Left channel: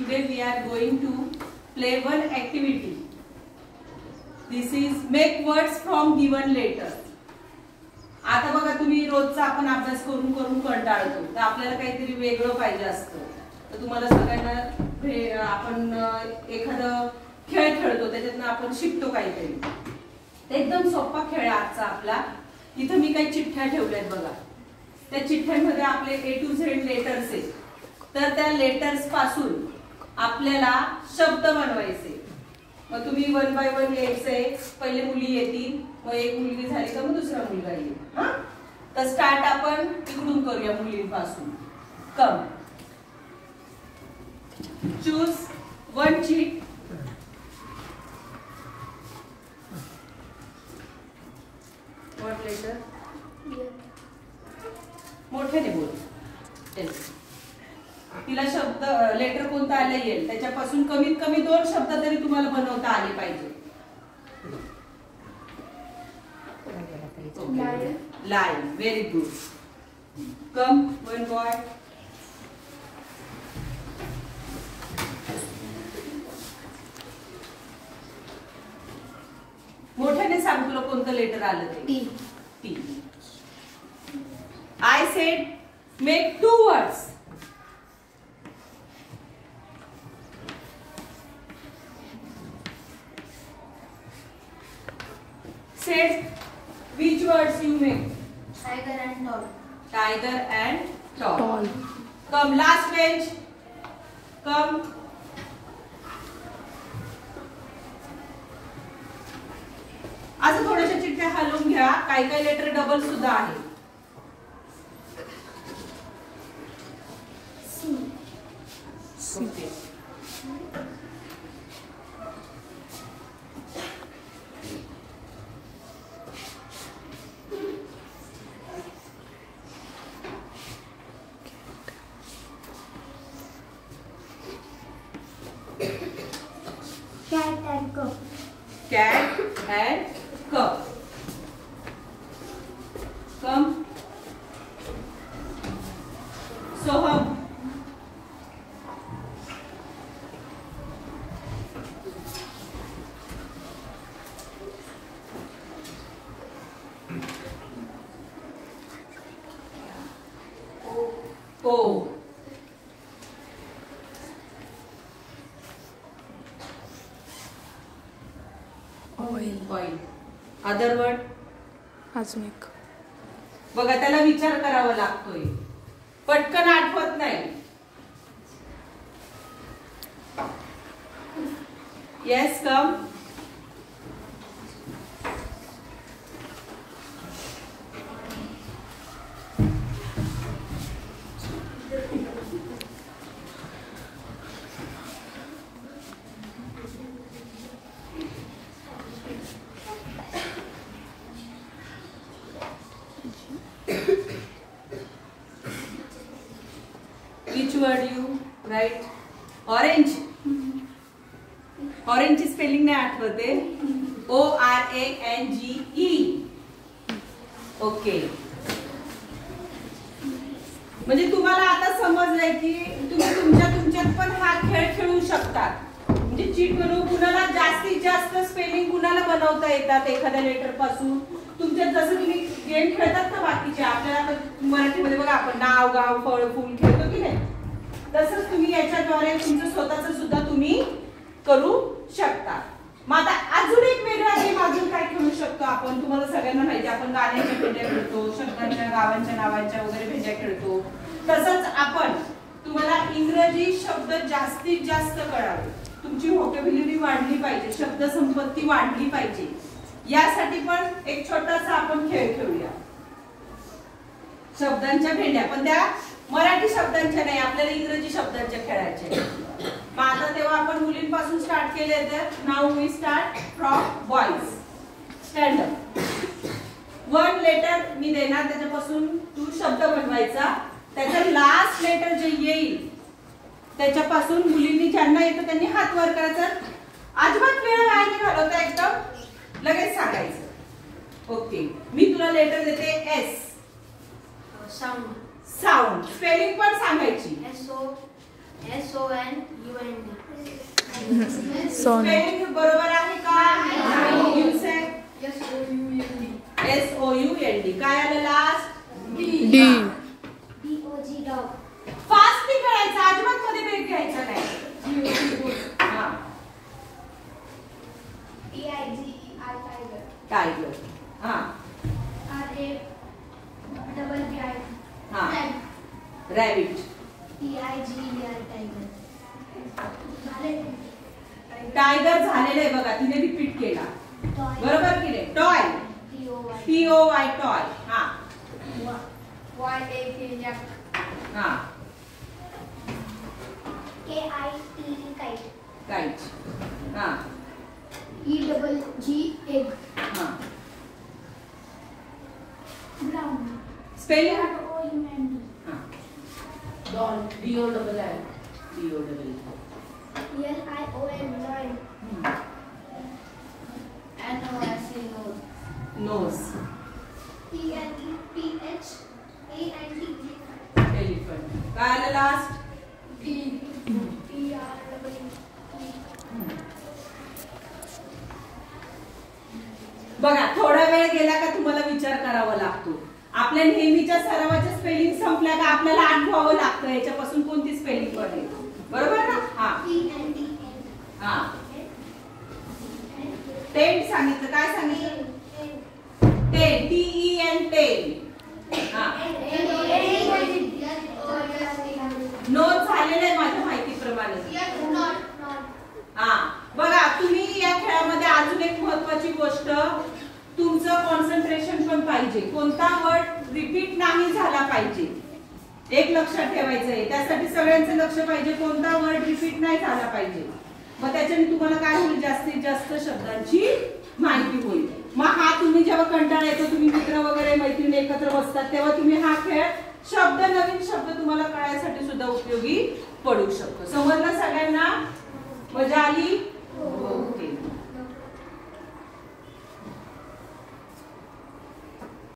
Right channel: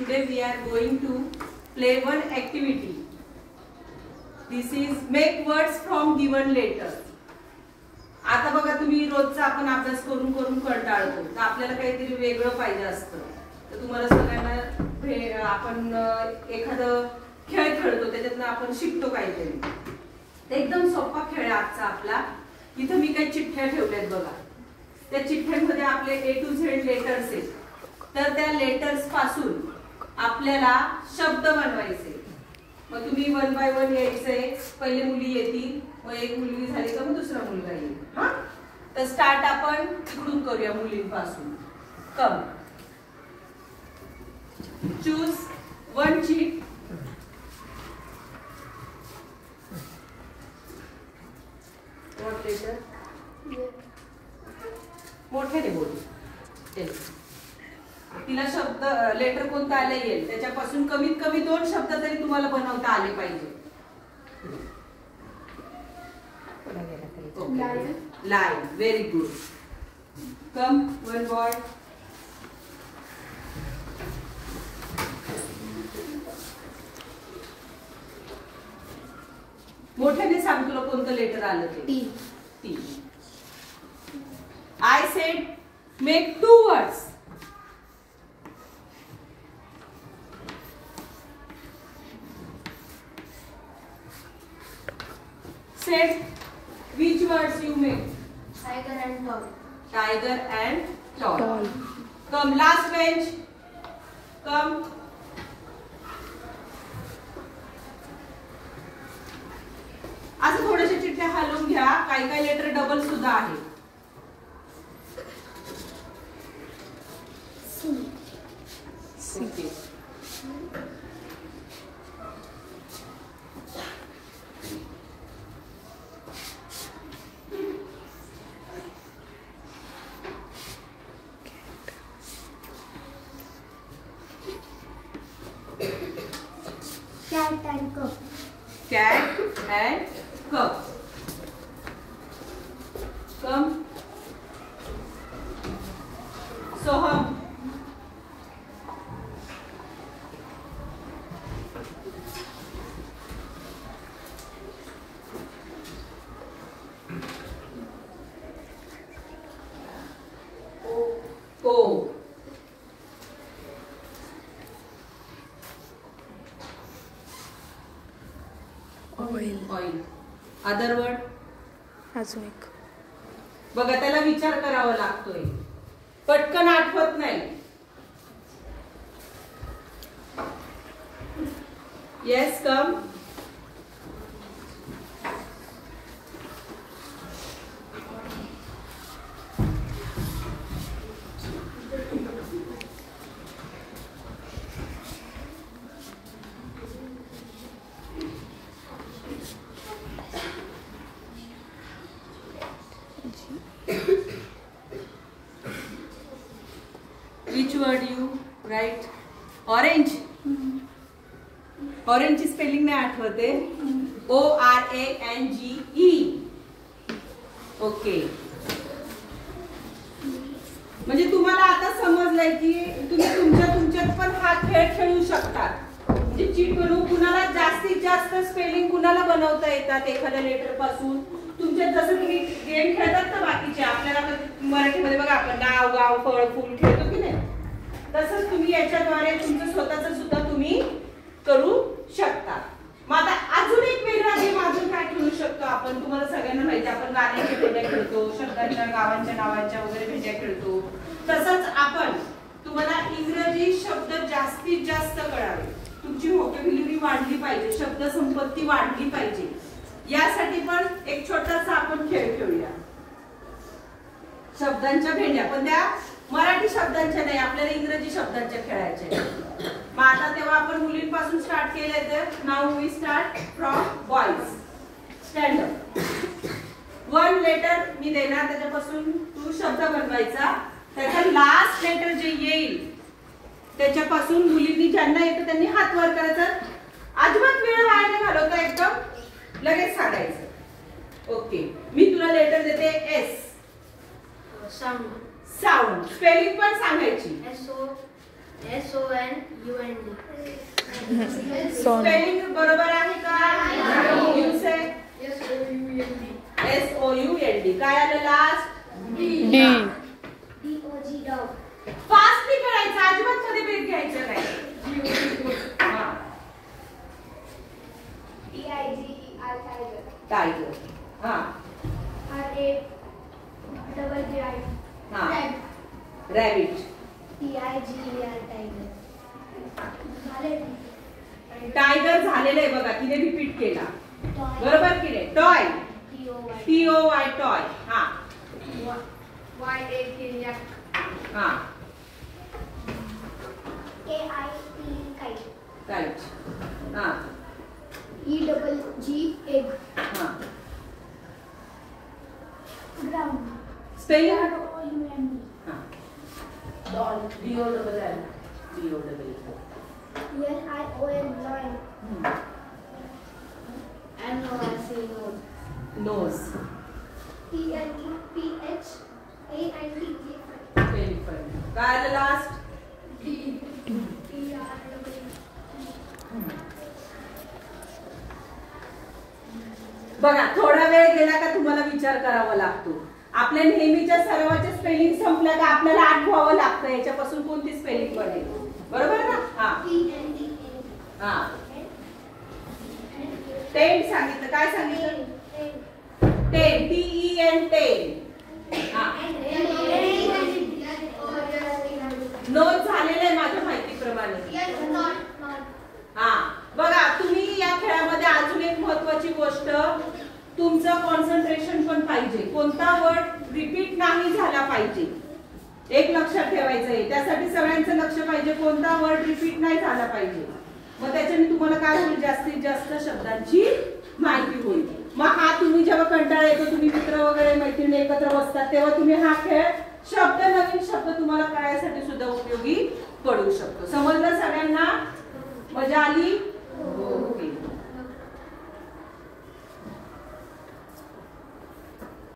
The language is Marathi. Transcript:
Today we are going to play one activity. This is make words from given letters. आता बघा तुम्ही रोजचा आपण अभ्यास करून करून कंटाळतो, तर आपल्याला काहीतरी वेगळं पाहिजे असतं. तर तुम्हाला सगळ्यांना आपण एखादं खेळ खेळतो, त्याच्यातून आपण शिकतो काहीतरी. एकदम सोपा खेळ आजचा आपला. इथं मी काही चिठ्ठ्या ठेवल्यात बघा. त्या चिठ्ठ्यांमध्ये आपले A to Z लेटर्स आहेत. तर त्या लेटर्स पासून आपल्याला शब्द बनवायचे. मग तुम्ही 1 by 1 यायचे. पहिले मुली येतील, मग एक मुलगी झाली तर मग दुसरा मुलगा येईल. तर स्टार्ट आपण इकडून करूया मुलींपासून. Come choose one chit. What letter? मोठ्याने बोल. तिला शब्द लेटर कोणता आला येईल त्याच्यापासून कमीत कमी 2 शब्द तरी तुम्हाला बनवता आले पाहिजे. Line. Very good. Come one boy. मोठ्याने सांग तुला कोणतं लेटर आलं ते. T. I said make 2 words. Said which words you make? Tiger and tall. Tiger and tall. Come last bench. Come. असं थोड्याशा चिठ्ठ्या हलवून घ्या. काही काही लेटर डबल सुद्धा आहे. Okay. Cat and cup. Cat and cup. Come. Soham. O. Oil. Other word? अजून एक. बघा त्याला विचार करावा लागतोय, पटकन आठवत नाही. Yes, come. Which word you write? Orange. Orange spelling नाही आठवते. ORANGE. ओके. म्हणजे तुम्हाला आता समजलंय की तुम्ही तुमच्यात पण हा खेळ खेळू शकता. म्हणजे चीट बनवून कुणाला जास्तीत जास्त स्पेलिंग कुणाला बनवता येतात एखाद्या लेटर पासून. तुमच्यात जसं तुम्ही गेम खेळतात ना बाकीचे, आपल्याला मराठीमध्ये बघा आपण नाव गाव फळ फूल खेळतो की नाही, तसंच तुम्ही याच्याद्वारे तुमचं स्वतःच सुद्धा तुम्ही करू शकता. मग आता अजून एक वेगळा गेम अजून काय खेळू शकतो आपण. तुम्हाला सगळ्यांना माहिती आपण गाण्यांच्या भेंड्या खेळतो, शब्दांच्या गावांच्या नावांच्या वगैरे भेंड्या खेळतो. तसंच आपण तुम्हाला इंग्रजी शब्द जास्तीत जास्त कळावे, तुमची व्होकॅब्युलरी वाढली पाहिजे, शब्द संपत्ती वाढली पाहिजे. यासाठी पण एक छोटासा आपण खेळ खेळूया. शब्दांच्या भेंड्या, पण त्या मराठी शब्दांच्या नाही, आपल्याला इंग्रजी शब्दांच्या खेळायच्या. मग आता तेव्हा आपण मुलींपासून स्टार्ट केले तर now we start from boys. Stand up. 1 letter मी देणार, त्याच्यापासून तू शब्द बनवायचा. त्याचं लास्ट लेटर जे येईल त्याच्यापासून मुलींनी ज्यांना येतं त्यांनी हात वर करायचा. अजिबात वेळ वाया नाही घालवता, एकदम लगेच सांगायचं. ओके. मी तुला लेटर देते एस. Sound. साऊंड. स्पेलिंग पण सांगायची. SOUND. सोन स्पेलिंग बरोबर आहे का? You say SOUND. काय आलं last? D DOG dog. Fast नाही करायचं, अजिबात मध्ये ब्रेक घ्यायचा नाही. हा. TIGER tiger. टायगर. हा. RAGI. हा. Rabbit. रॅबिट. TIGER tiger. झाले. टायगर झालेलं आहे बघा, तिने रिपीट केला. Toy. बरोबर की नाही? टॉय. TOY toy. हा. YAK yak. हा. KITE kite. काइट. हा. EGG egg. हा. Ground. स्पेलिंग? ROUND. हा. Doll. DOLL. LION lion. NOS nose. TNEPH ANT elephant. काय आलं लास्ट? बघा, थोडा वेळ गेला का तुम्हाला विचार करावा लागतो. आपल्या नेहमीच्या सरावाच्या स्पेलिंग संपल्या का आपल्याला आठवावं लागतं याच्यापासून कोणती स्पेलिंग पडेल. बरोबर ना? हा. हा. टेंट सांगितलं. काय सांगितलं? टेंट. TEN. हा. नोट झालेलं आहे माझ्या माहितीप्रमाणे. हा. बघा, तुम्ही या खेळामध्ये अजून एक महत्वाची गोष्ट, तुमचं कॉन्सन्ट्रेशन पण पाहिजे. कोणता वर्ड रिपीट नाही झाला पाहिजे, एक लक्षात ठेवायचं आहे. त्यासाठी सगळ्यांचं लक्ष पाहिजे, कोणता वर्ड रिपीट नाही झाला पाहिजे. मग त्याच्याने तुम्हाला काय होईल? जास्तीत जास्त शब्दांची माहिती होईल. मग हा तुम्ही जेव्हा कंटाळा येतो, तुम्ही मित्र वगैरे मैत्रिणी एकत्र बसतात, तेव्हा तुम्ही हा खेळ नवीन शब्द तुम्हाला कळायसाठी सुद्धा उपयोगी पडू शकतो. समजलं सगळ्यांना? मजा आली?